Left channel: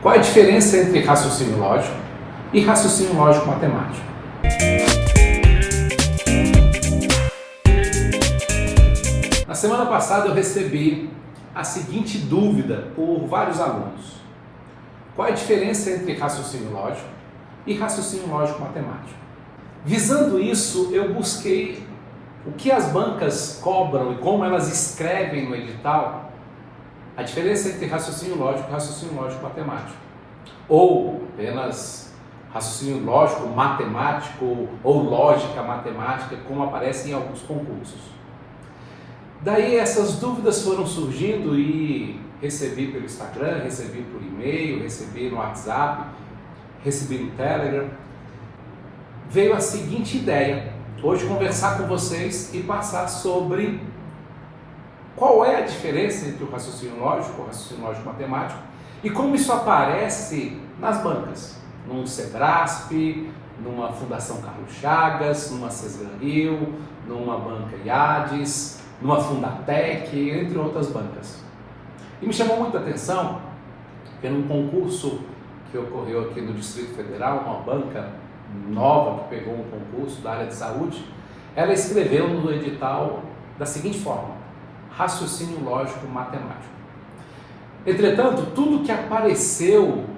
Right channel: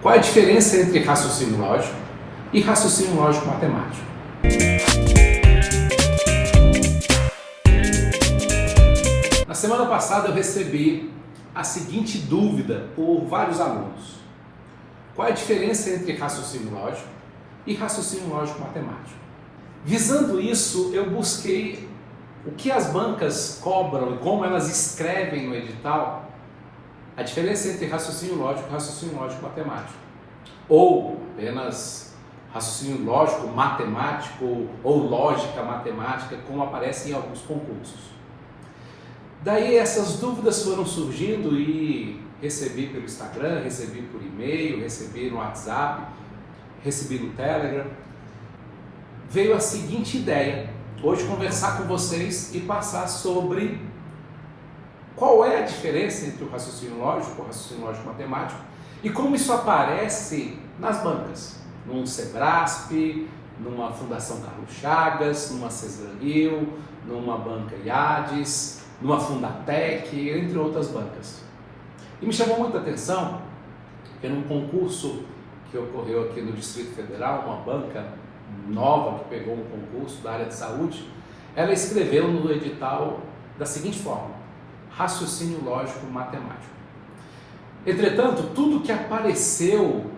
Qual é a diferença entre raciocínio lógico e raciocínio lógico matemático? Na semana passada eu recebi a seguinte dúvida por vários alunos. Qual é a diferença entre raciocínio lógico e raciocínio lógico matemático? Visando isso, eu busquei o que as bancas cobram e como elas escrevem no edital a diferença entre raciocínio lógico e raciocínio lógico matemático. Ou apenas raciocínio lógico matemático ou lógica matemática, como aparece em alguns concursos. Daí essas dúvidas foram surgindo e recebi pelo Instagram, recebi por e-mail, recebi no WhatsApp, recebi no Telegram. Veio a seguinte ideia, hoje conversar com vocês e passar sobre qual é a diferença entre o raciocínio lógico e o raciocínio lógico matemático e como isso aparece nas bancas, num Sebrasp, numa Fundação Carlos Chagas, numa Cesgranil, numa banca IADES, numa Fundatec, entre outras bancas. E me chamou muita atenção que num concurso que ocorreu aqui no Distrito Federal, uma banca nova que pegou um concurso da área de saúde, ela escreveu no edital da seguinte forma: raciocínio lógico matemático. Entretanto, tudo que apareceu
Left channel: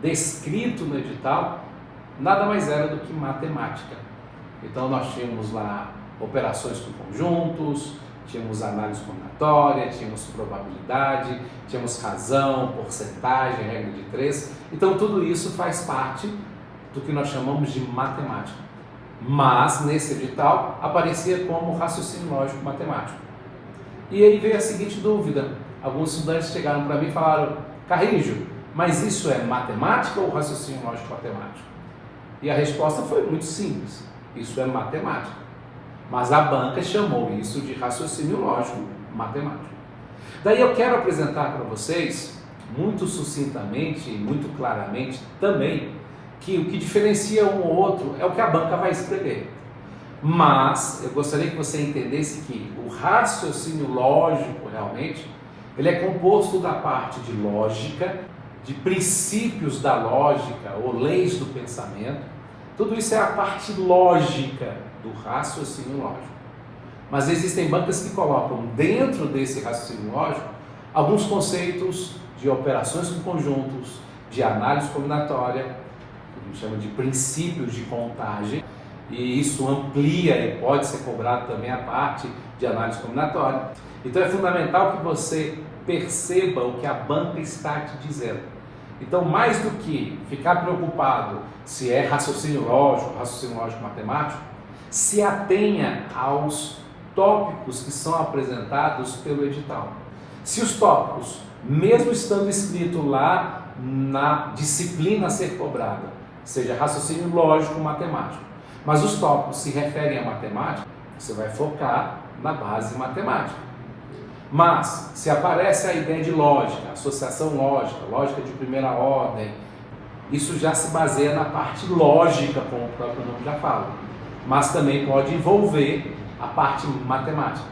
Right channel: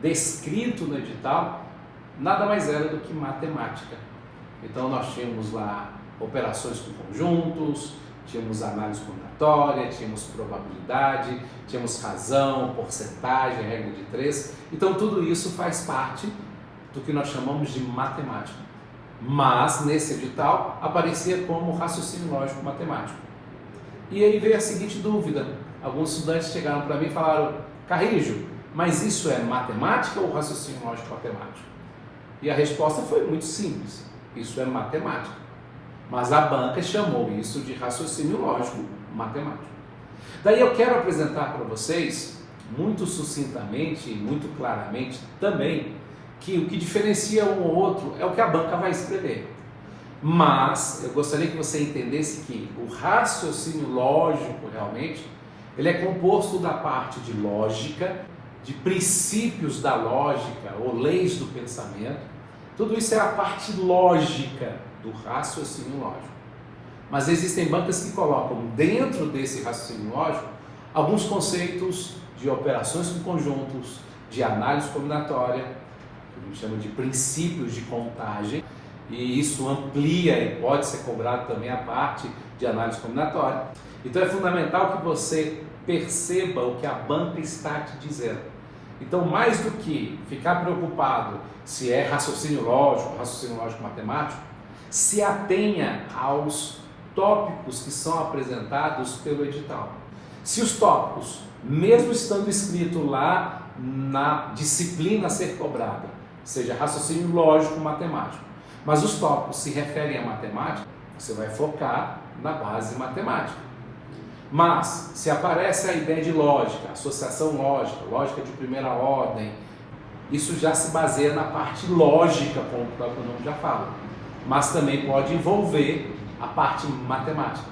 descrito no edital nada mais era do que matemática. Então nós tínhamos lá operações com conjuntos, tínhamos análise combinatória, tínhamos probabilidade, tínhamos razão, porcentagem, regra de 3. Então tudo isso faz parte do que nós chamamos de matemática. Mas nesse edital aparecia como raciocínio lógico matemático. E aí veio a seguinte dúvida. Alguns estudantes chegaram para mim e falaram: Carrijo, mas isso é matemática ou raciocínio lógico matemático? E a resposta foi muito simples: isso é matemática. Mas a banca chamou isso de raciocínio lógico matemático. Daí eu quero apresentar para vocês, muito sucintamente e muito claramente também, que o que diferencia um ou outro é o que a banca vai escrever. Mas eu gostaria que você entendesse que o raciocínio lógico realmente, ele é composto da parte de lógica, de princípios da lógica ou leis do pensamento. Tudo isso é a parte lógica do raciocínio lógico. Mas existem bancas que colocam dentro desse raciocínio lógico alguns conceitos de operações com conjuntos, de análise combinatória, que a gente chama de princípios de contagem, e isso amplia e pode ser cobrado também a parte de análise combinatória. Então é fundamental que você perceba o que a banca está te dizendo. Então, mais do que ficar preocupado se é raciocínio lógico matemático, se atenha aos tópicos que são apresentados pelo edital. Se os tópicos, mesmo estando escrito lá na disciplina a ser cobrada, seja raciocínio lógico matemático, mas os tópicos se referem à matemática, você vai focar na base matemática. Mas, se aparece a ideia de lógica, associação lógica, lógica de primeira ordem, isso já se baseia na parte lógica, como o próprio nome já fala. Mas também pode envolver a parte matemática.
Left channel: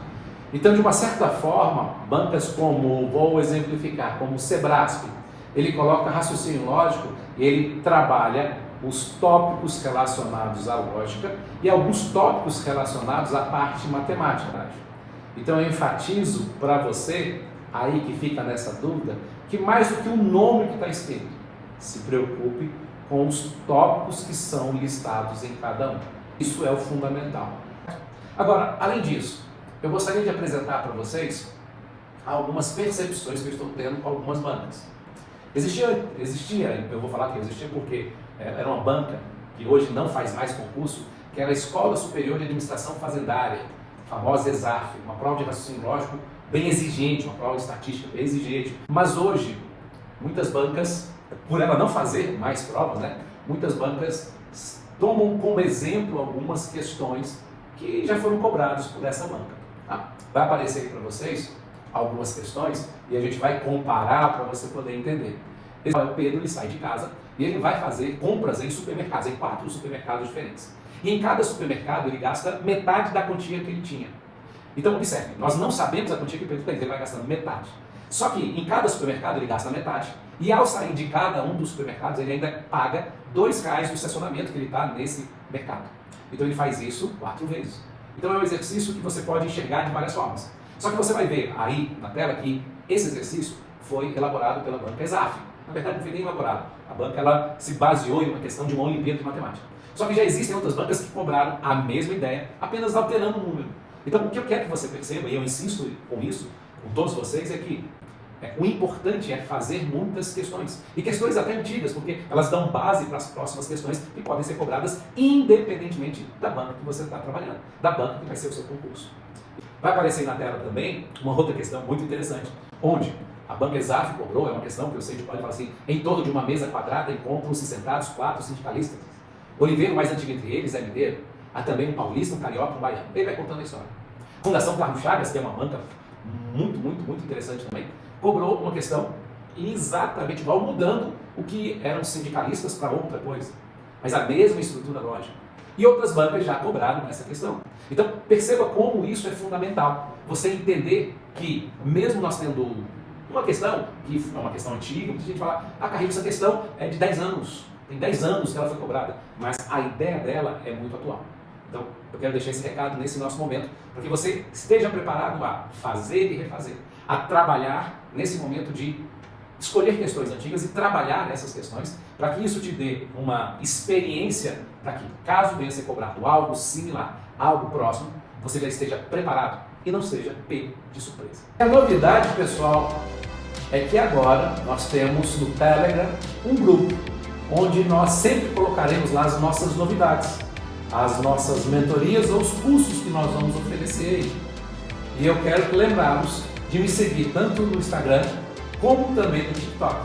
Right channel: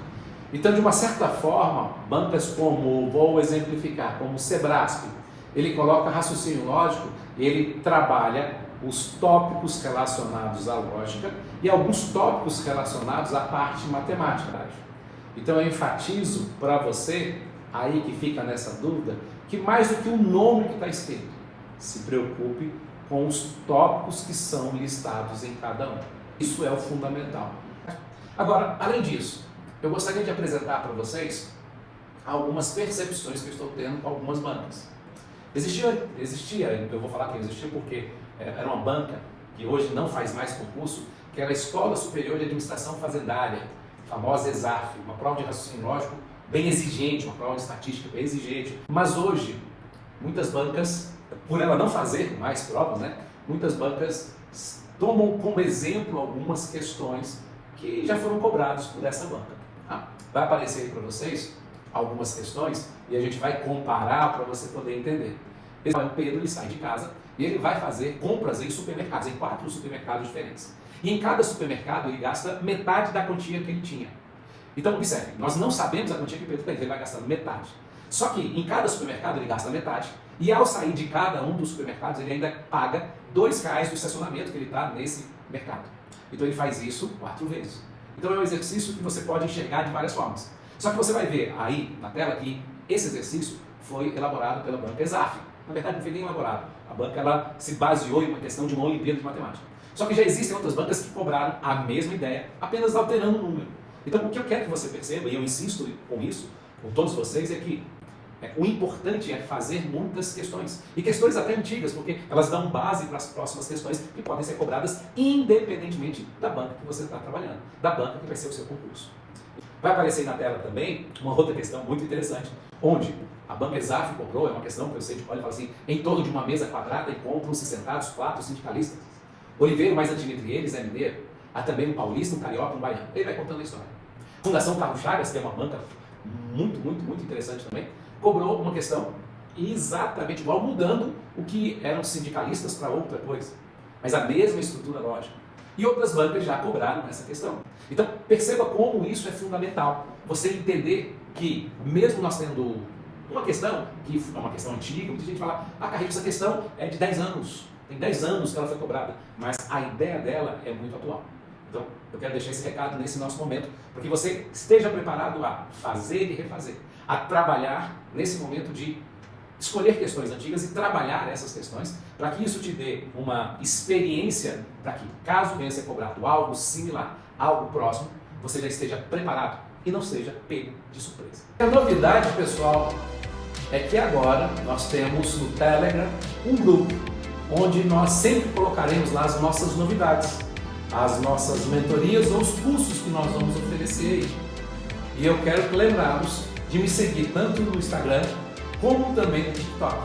Então, de uma certa forma, bancas como, vou exemplificar, como o Sebrasp, ele coloca raciocínio lógico, ele trabalha os tópicos relacionados à lógica e alguns tópicos relacionados à parte matemática. Então eu enfatizo para você, aí que fica nessa dúvida, que mais do que o nome que está escrito, se preocupe com os tópicos que são listados em cada um. Isso é o fundamental. Agora, além disso, eu gostaria de apresentar para vocês algumas percepções que eu estou tendo com algumas bancas. Existia, eu vou falar que existia porque era uma banca que hoje não faz mais concurso, que era a Escola Superior de Administração Fazendária, a famosa ESAF, uma prova de raciocínio lógico bem exigente, uma prova de estatística bem exigente. Mas hoje, muitas bancas, por ela não fazer mais provas, muitas bancas tomam como exemplo algumas questões que já foram cobradas por essa banca. Vai aparecer aí para vocês algumas questões e a gente vai comparar para você poder entender. O Pedro ele sai de casa e ele vai fazer compras em supermercados, em 4 supermercados diferentes. E em cada supermercado ele gasta metade da quantia que ele tinha. Então observe, nós não sabemos a quantia que o Pedro tem, ele vai gastando metade. Só que em cada supermercado ele gasta metade E ao sair de cada um dos supermercados, ele ainda paga R$2 do estacionamento que ele está nesse mercado. Então ele faz isso 4 vezes. Então é um exercício que você pode enxergar de várias formas. Só que você vai ver aí na tela que esse exercício foi elaborado pela banca Exaf. Na verdade não foi nem elaborado. A banca ela se baseou em uma questão de uma Olimpíada de Matemática. Só que já existem outras bancas que cobraram a mesma ideia, apenas alterando o número. Então o que eu quero que você perceba, e eu insisto com isso, com todos vocês, é que o importante é fazer muitas questões. E questões até antigas, porque elas dão base para as próximas questões que podem ser cobradas independentemente da banca que você está trabalhando, da banca que vai ser o seu concurso. Vai aparecer na tela também uma outra questão muito interessante, onde a banca Exaf cobrou, é uma questão que eu sei de pode falar assim, em torno de uma mesa quadrada encontram-se sentados 4 sindicalistas. Oliveira, o mais antigo entre eles, é mineiro. Há também um paulista, um carioca, um baiano. Ele vai contando a história. Fundação Carlos Chagas, que é uma banca muito interessante também, cobrou uma questão exatamente igual, mudando o que eram sindicalistas para outra coisa. Mas a mesma estrutura lógica. E outras bancas já cobraram essa questão. Então, perceba como isso é fundamental. Você entender que, mesmo nós tendo uma questão, que é uma questão antiga, muita gente fala, Carreiro, essa questão é de 10 anos. Tem 10 anos que ela foi cobrada. Mas a ideia dela é muito atual. Então, eu quero deixar esse recado nesse nosso momento, para que você esteja preparado a fazer e refazer, a trabalhar nesse momento de escolher questões antigas e trabalhar essas questões, para que isso te dê uma experiência para que, caso venha ser cobrado algo similar, algo próximo, você já esteja preparado e não seja pego de surpresa. A novidade, pessoal, é que agora nós temos no Telegram um grupo, onde nós sempre colocaremos lá as nossas novidades, as nossas mentorias ou os cursos que nós vamos oferecer aí. E eu quero lembrá-los de me seguir tanto no Instagram como também no TikTok,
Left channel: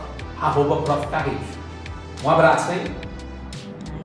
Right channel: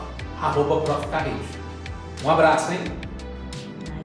@Prof. Carreiro. Um abraço, hein?